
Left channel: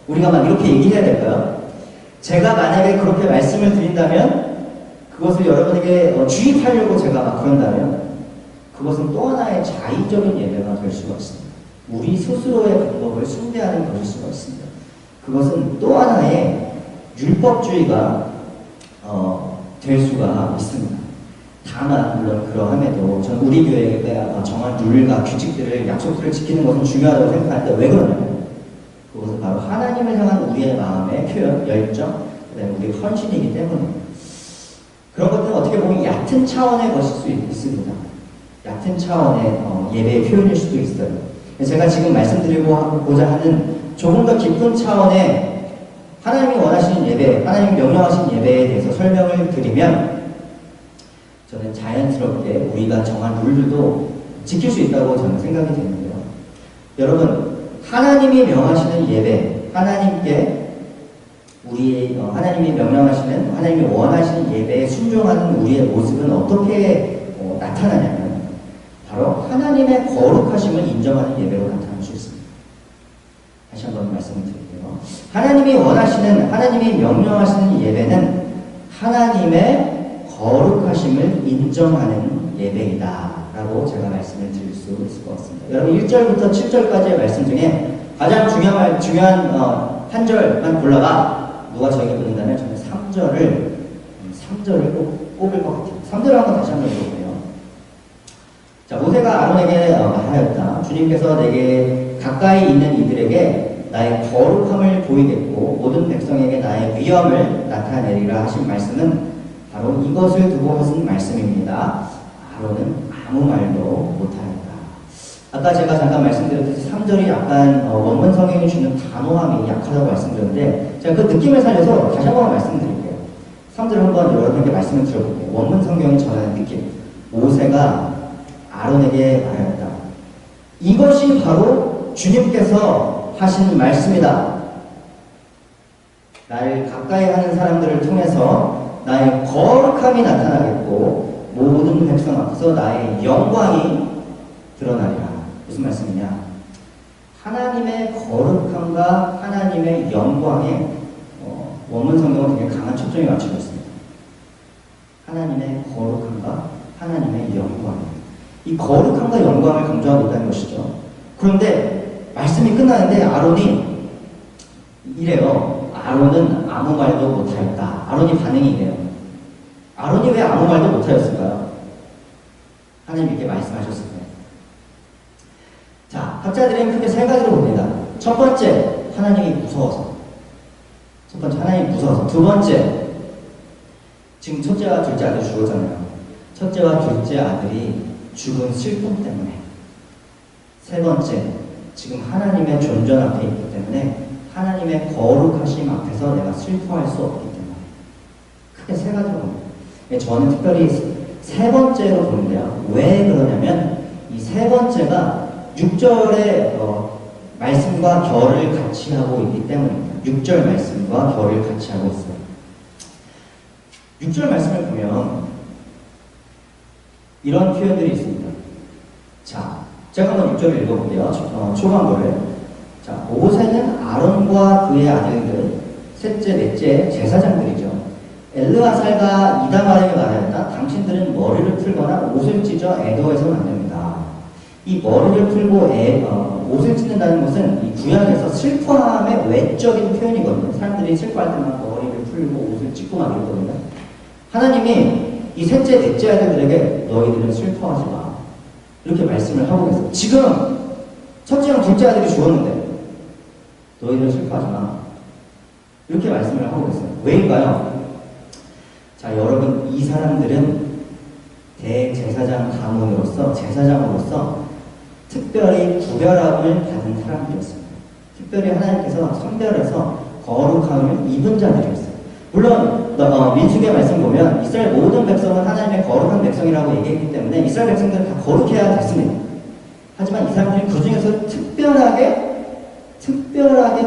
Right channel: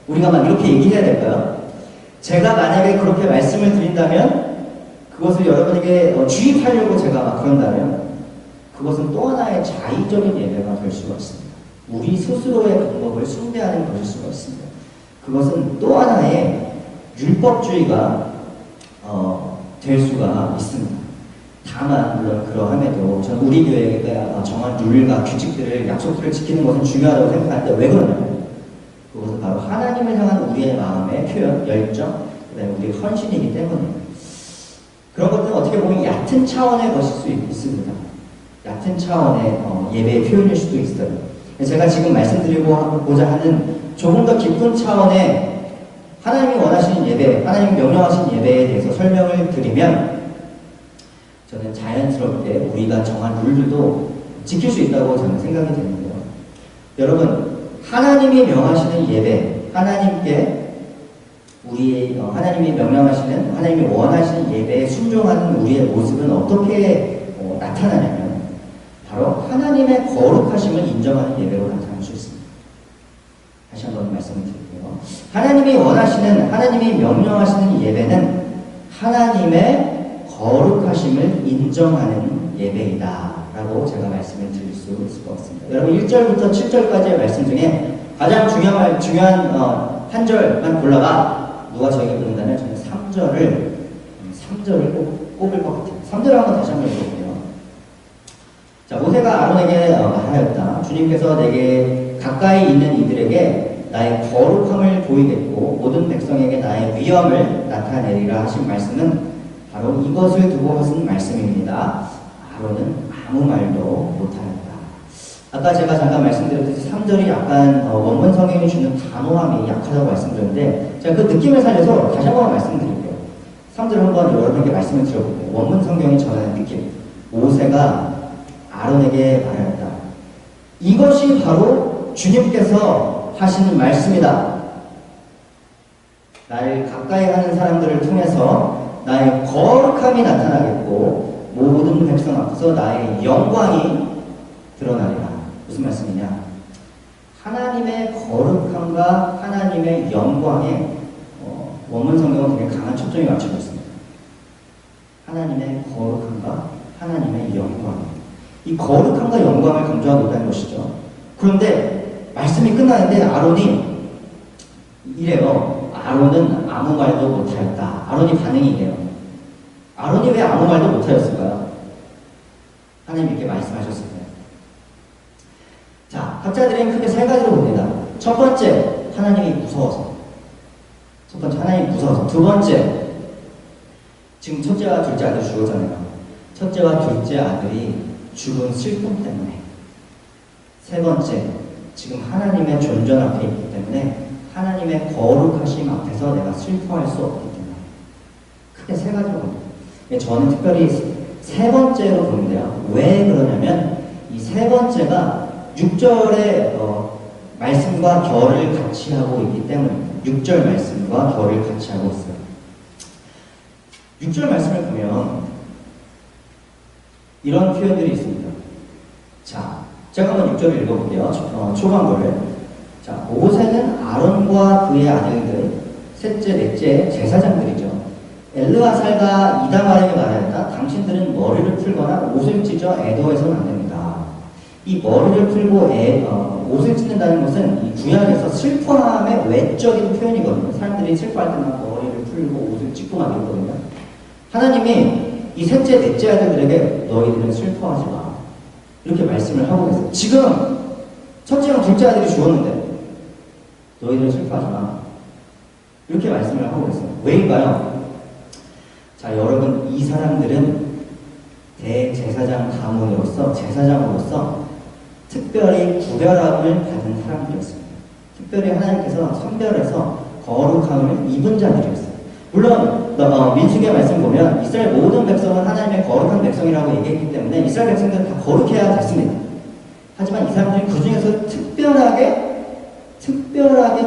우리가 막 이렇게 얘기해야 될까요? 제가 만약에 그렇게 말씀을 드린다면, 그것을 여러분에게 주입하려고 제가 막 그런다면, 그것은 또 하나의 자의적인 예배가 될 수가 있습니다. 우리 스스로의 방법을 숭배하는 것일 수가 있습니다. 그것은 또 하나의 율법주의가 될 수가 있습니다. 다만 물론 그러함에도 저는 우리 교회가 정한 룰과 규칙들을, 약속들을 지키는 것은 중요하다고 생각하는데, 왜 그러냐면 그것은 바로 하나님을 향한 우리의 마음의 표현, 열정, 그 다음에 우리의 헌신이기 때문입니다. 그런 것들은 어떻게 보면 얕은 차원의 것일 수 있습니다. 얕은 차원의 예배의 표현일 수도 있어요. 제가 지금 말씀드리고자 하는 조금 더 깊은 차원의 하나님이 원하시는 예배, 하나님이 명령하신 예배에 대해서 설명을 드리면, 저는 자연스럽게 우리가 정한 룰들도 지킬 수 있다고 저는 생각이 되는데요. 여러분, 하나님이 명하시는 예배, 하나님이 명령하시는, 하나님이 원하시는 예배에 순종하는 우리의 모습은 어떻게 나타나냐면, 바로 하나님의 거룩하심을 인정하는 예배로 나타날 수 있습니다. 다시 한번 말씀을 드릴게요. 하나님이 명령하시는 예배는 하나님의 거룩하심을 인정하는 예배이다 라고 제가 말씀을 드릴 수 있을 것 같습니다. 여러분, 1절부터 7절까지의 말씀 중에 가장 중요한 한 절만 골라봐. 누가 저에게 묻는다면 저는 3절을 꼭 꼽을 것 같아요. 3절을 한번 다시 한번 읽어볼게요. 자, 모세가 아론에게 말하였다. 주님께서 내게 가까이 있는 이들에게 나의 거룩함을 보이겠고 모든 백성에게 나의 위엄을 나타내리라 하신 말씀은 바로 이것을 두고 하신 말씀입니다. 아론은 아무 말도 못하였다. 아까 제가 잠깐 말씀드렸듯이 3절이 약간 원문 성경이 주는 단호함이 약하다고 말씀드렸는데, 제가 그 느낌을 살려서 다시 한번 말씀드릴게요. 3절 한번 여러분에게 말씀을 드려볼게요. 원문 성경이 전하는 느낌. 모세가 아론에게 말하였다. 이것이 바로 주님께서 하시는 말씀이다. 나를 가까이 하는 사람들을 통해서 나의 거룩함이 나타나겠고 모든 백성 앞에서 나의 영광이 드러나리라. 무슨 말씀이냐? 하나님의 거룩함과 하나님의 영광에 원문 성경은 되게 강한 초점이 맞춰져 있습니다. 하나님의 거룩함과 하나님의 영광. 이 거룩함과 영광을 강조하고 있다는 것이죠. 그런데 말씀이 끝나는데 아론이 이래요. 아론은 아무 말도 못하였다. 아론이 반응이 이래요. 아론이 왜 아무 말도 못하였을까요? 하나님 이렇게 말씀하셨을 거예요. 자, 학자들은 크게 세 가지로 봅니다. 첫 번째, 하나님이 무서워서. 첫 번째, 하나님이 무서워서. 두 번째, 지금 첫째와 둘째 아들이 죽었잖아요. 첫째와 둘째 아들이 죽은 슬픔 때문에. 세 번째, 지금 하나님의 존전 앞에 있기 때문에 하나님의 거룩하심 앞에서 내가 슬퍼할 수 없기 때문에. 크게 세 가지로 봅니다. 저는 특별히 세 번째로 보는데요. 왜 그러냐면 이 세 번째가 6절의 말씀과 결을 같이 하고 있기 때문입니다. 6절 말씀과 결을 같이 하고 있어요. 6절 말씀을 보면 이런 표현들이 있습니다. 자, 제가 한번 6절을 읽어볼게요. 초반부를. 자, 모세는 아론과 그의 아들들, 셋째, 넷째 제사장들이죠. 엘르아살과 이다말에게 말하였다. 당신들은 머리를 풀거나 옷을 찢어 애도해서는 안 됩니다. 이 머리를 풀고 옷을 찢는다는 것은 이 구약에서 슬퍼함의 외적인 표현이거든요. 사람들이 슬퍼할 때만 머리를 풀고 옷을 찢고 막 이러거든요. 하나님이 이 셋째, 넷째 아들들에게 너희들은 슬퍼하지 마. 이렇게 말씀을 하고 계세요. 지금 첫째랑 둘째 아들이 죽었는데 너희들은 슬퍼하지 마. 이렇게 말씀을 하고 계세요. 왜일까요? 자, 여러분, 이 사람들은 대제사장 가문으로서, 제사장으로서 특별히 구별함을 받은 사람들이었습니다. 특별히 하나님께서 선별해서 거룩함을 입은 자들이었어요. 물론 민수기의 말씀 보면 이스라엘 모든 백성은 하나님의 거룩한 백성이라고 얘기했기 때문에 이스라엘 백성들은 다 거룩해야 됐습니다. 하지만 이 사람들이 그 중에서 특별하게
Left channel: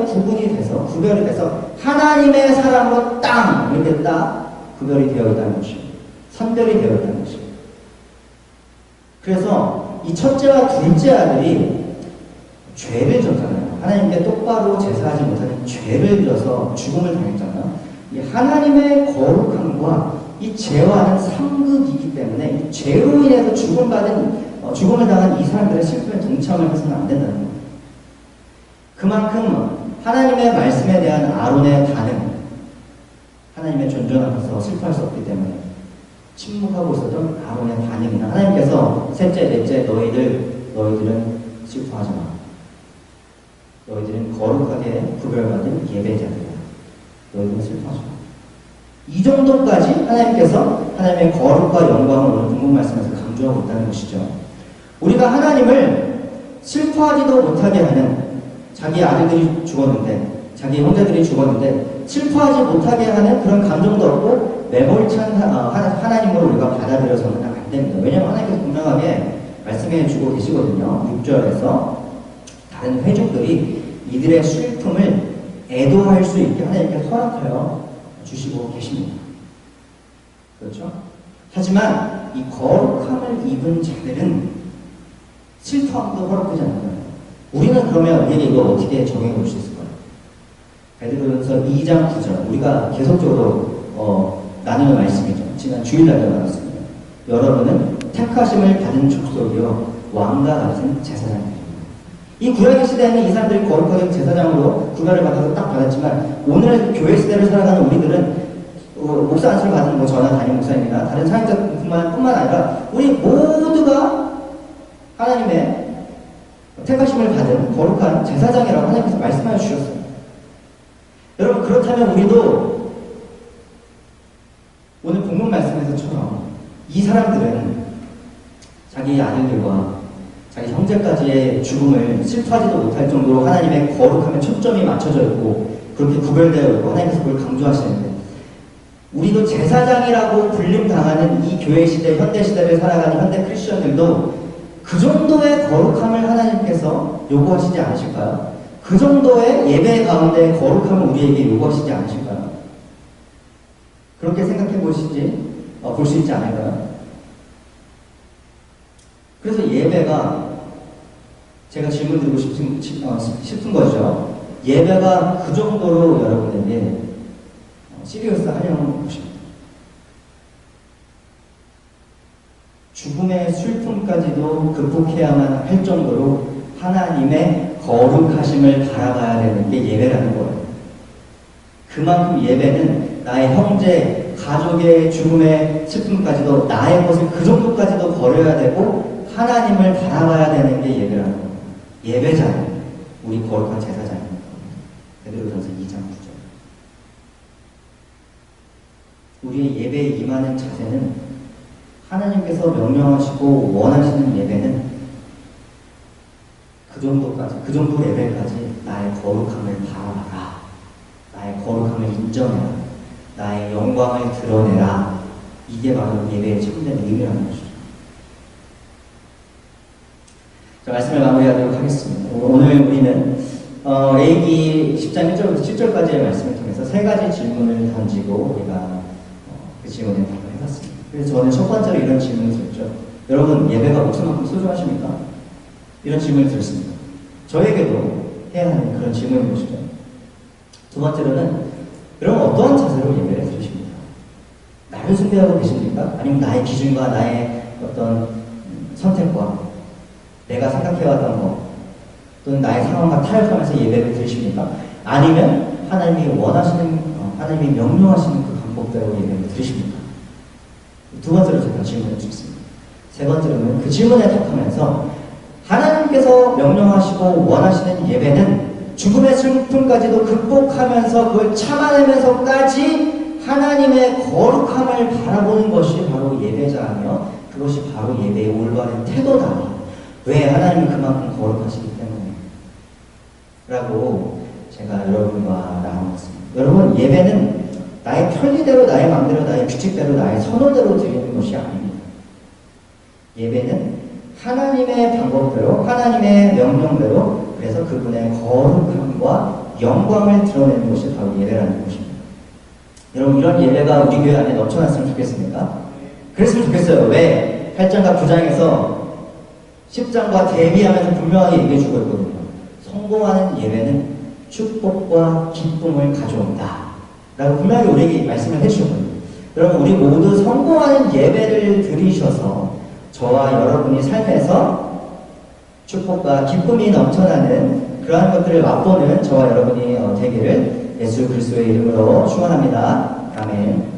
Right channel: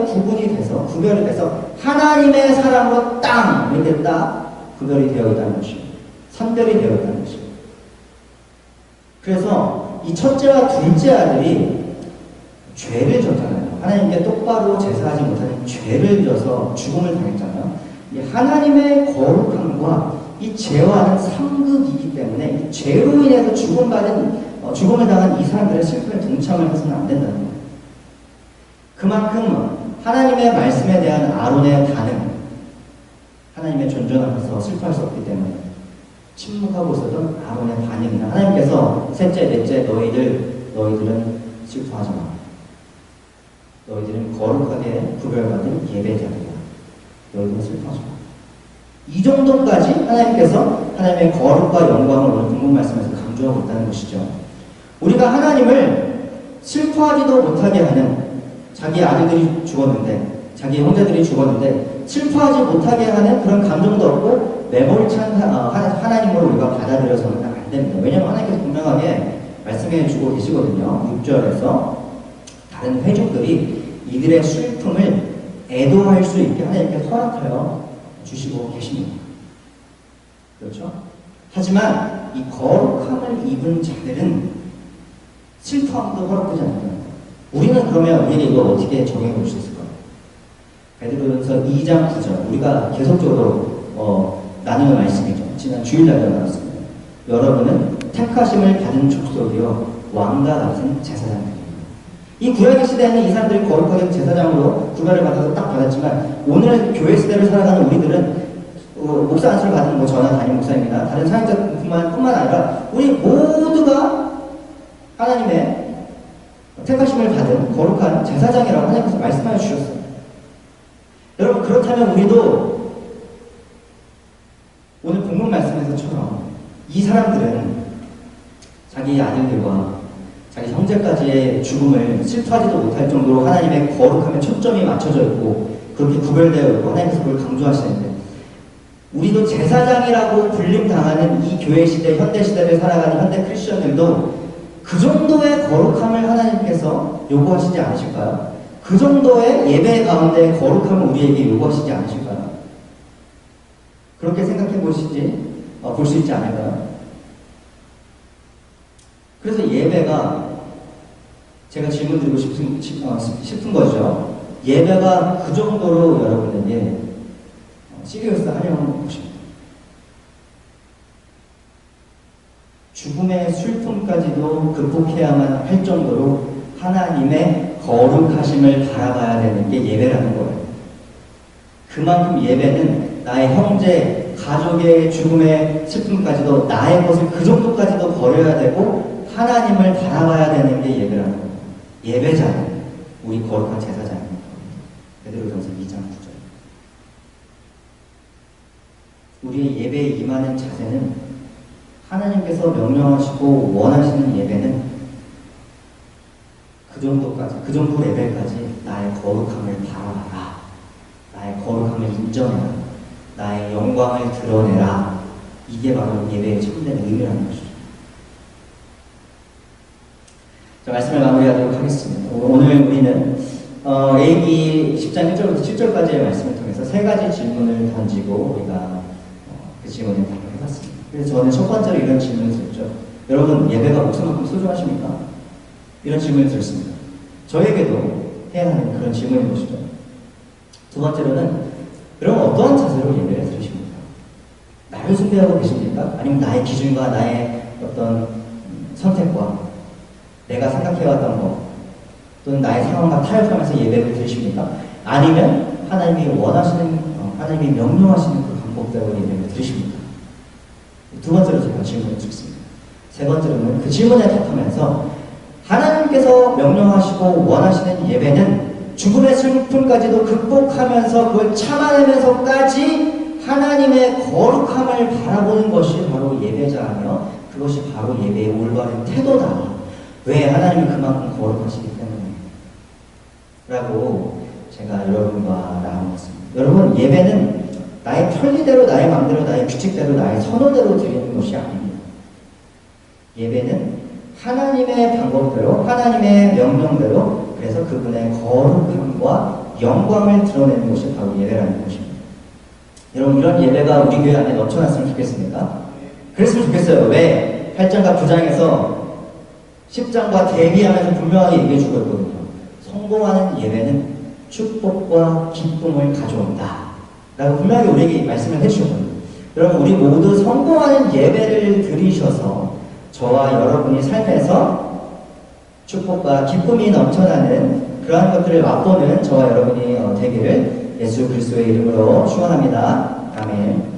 구분이 돼서, 구별이 돼서 하나님의 사람으로 땅! 이렇게 딱 구별이 되어 있다는 것입니다. 선별이 되어 있다는 것입니다. 그래서 이 첫째와 둘째 아들이 죄를 졌잖아요. 하나님께 똑바로 제사하지 못하는 죄를 져서 죽음을 당했잖아요. 이 하나님의 거룩함과 이 죄와는 상극이기 때문에 이 죄로 인해서 죽음을 당한 이 사람들의 슬픔에 동참을 해서는 안 된다는 거예요. 그만큼 하나님의 말씀에 대한 아론의 반응, 하나님의 존전 앞에서 슬퍼할 수 없기 때문에 침묵하고 있었던 아론의 반응이나 하나님께서 셋째, 넷째 너희들은 슬퍼하지 마. 너희들은 거룩하게 구별받은 예배자들이야. 너희들은 슬퍼하지 마. 이 정도까지 하나님께서 하나님의 거룩과 영광을 오늘 본문 말씀에서 강조하고 있다는 것이죠. 우리가 하나님을 슬퍼하지도 못하게 하는 자기 아들들이 죽었는데, 자기 형제들이 죽었는데 슬퍼하지 못하게 하는 그런 감정도 없고 매몰찬 하나님으로 우리가 받아들여서는 안 됩니다. 왜냐하면 하나님께서 분명하게 말씀해 주고 계시거든요. 6절에서 다른 회족들이 이들의 슬픔을 애도할 수 있게 하나님께서 허락하여 주시고 계십니다. 그렇죠? 하지만 이 거룩함을 입은 자들은 슬퍼함도 허락되지 않는다. 우리는 그러면 우리에게 이걸 어떻게 적용해 볼 수 있을까요? 베드로전서 2장 9절, 우리가 계속적으로 나누는 말씀이죠. 지난 주일날도 나눴습니다. 여러분은 택하심을 받은 족속이요 왕과 같은 제사장들입니다. 이 구약의 시대에는 이 사람들이 거룩하게 제사장으로 구별을 받아서 딱 받았지만 오늘 교회 시대를 살아가는 우리들은 목사 안수를 받은 저나 담임 목사님이나 다른 사역자뿐만 아니라 우리 모두가 하나님의 택하심을 받은 거룩한 제사장이라고 하나님께서 말씀하여 주셨어요. 여러분, 그렇다면 우리도 오늘 본문 말씀에서처럼 이 사람들은 자기 아들들과 자기 형제까지의 죽음을 슬퍼하지도 못할 정도로 하나님의 거룩함에 초점이 맞춰져 있고 그렇게 구별되어 있고 하나님께서 그걸 강조하시는데, 우리도 제사장이라고 불림당하는 이 교회 시대, 현대 시대를 살아가는 현대 크리스천들도 그 정도의 거룩함을 하나님께서 요구하시지 않으실까요? 그 정도의 예배 가운데 거룩함을 우리에게 요구하시지 않으실까요? 그렇게 생각해 볼 수 있지 않을까요? 그래서 예배가, 제가 질문 드리고 싶은 거죠. 예배가 그 정도로 여러분에게 시리어스 하려는 것입니다. 죽음의 슬픔까지도 극복해야만 할 정도로 하나님의 거룩하심을 바라봐야 되는 게 예배라는 거예요. 그만큼 예배는 나의 형제, 가족의 죽음의 슬픔까지도 나의 것을 그 정도까지도 버려야 되고 하나님을 바라봐야 되는 게 예배라는 거예요. 예배자는 우리 거룩한 제사장입니다. 베드로전서 2장 9절. 우리의 예배에 임하는 자세는 하나님께서 명령하시고 원하시는 예배는 그 정도까지, 그 정도 레벨까지 나의 거룩함을 바라봐라. 나의 거룩함을 인정해라. 나의 영광을 드러내라. 이게 바로 예배의 참된 의미라는 것이죠. 자, 말씀을 마무리하도록 하겠습니다. 오늘 우리는 레위기 10장 1절부터 7절까지의 말씀을 통해서 세 가지 질문을 던지고 우리가 그 질문에 답을 해봤습니다. 그래서 저는 첫 번째로 이런 질문을 드렸죠. 여러분, 예배가 목숨만큼 소중하십니까? 이런 질문을 드렸습니다. 저에게도 해야 하는 그런 질문인 것이죠. 두 번째로는 여러분 어떠한 자세로 예배를 드리십니까? 나를 숭배하고 계십니까? 아니면 나의 기준과 나의 어떤 선택과 내가 생각해왔던 것 또는 나의 상황과 타협하면서 예배를 드리십니까? 아니면 하나님이 원하시는 하나님이 명령하시는 그 방법대로 예배를 드리십니까? 두 번째로 제가 질문을 드렸습니다. 세 번째로는 그 질문에 답하면서 하나님께서 명령하시고 원하시는 예배는 죽음의 슬픔까지도 극복하면서 그걸 참아내면서까지 하나님의 거룩함을 바라보는 것이 바로 예배자이며 그것이 바로 예배의 올바른 태도다. 왜? 하나님은 그만큼 거룩하시기 때문에 라고 제가 여러분과 나누었습니다. 여러분, 예배는 나의 편리대로, 나의 마음대로, 나의 규칙대로, 나의 선호대로 드리는 것이 아닙니다. 예배는 하나님의 방법대로, 하나님의 명령대로, 그래서 그분의 거룩함과 영광을 드러내는 것이 바로 예배라는 것입니다. 여러분, 이런 예배가 우리 교회 안에 넘쳐났으면 좋겠습니까? 그랬으면 좋겠어요. 왜? 8장과 9장에서 10장과 대비하면서 분명하게 얘기해 주고 있거든요. 성공하는 예배는 축복과 기쁨을 가져온다 라고 분명하게 우리에게 말씀을 해주셨거든요. 여러분, 우리 모두 성공하는 예배를 드리셔서 저와 여러분이 삶에서 축복과 기쁨이 넘쳐나는 그러한 것들을 맛보는 저와 여러분이 되기를 예수 그리스도의 이름으로 축원합니다. 아멘.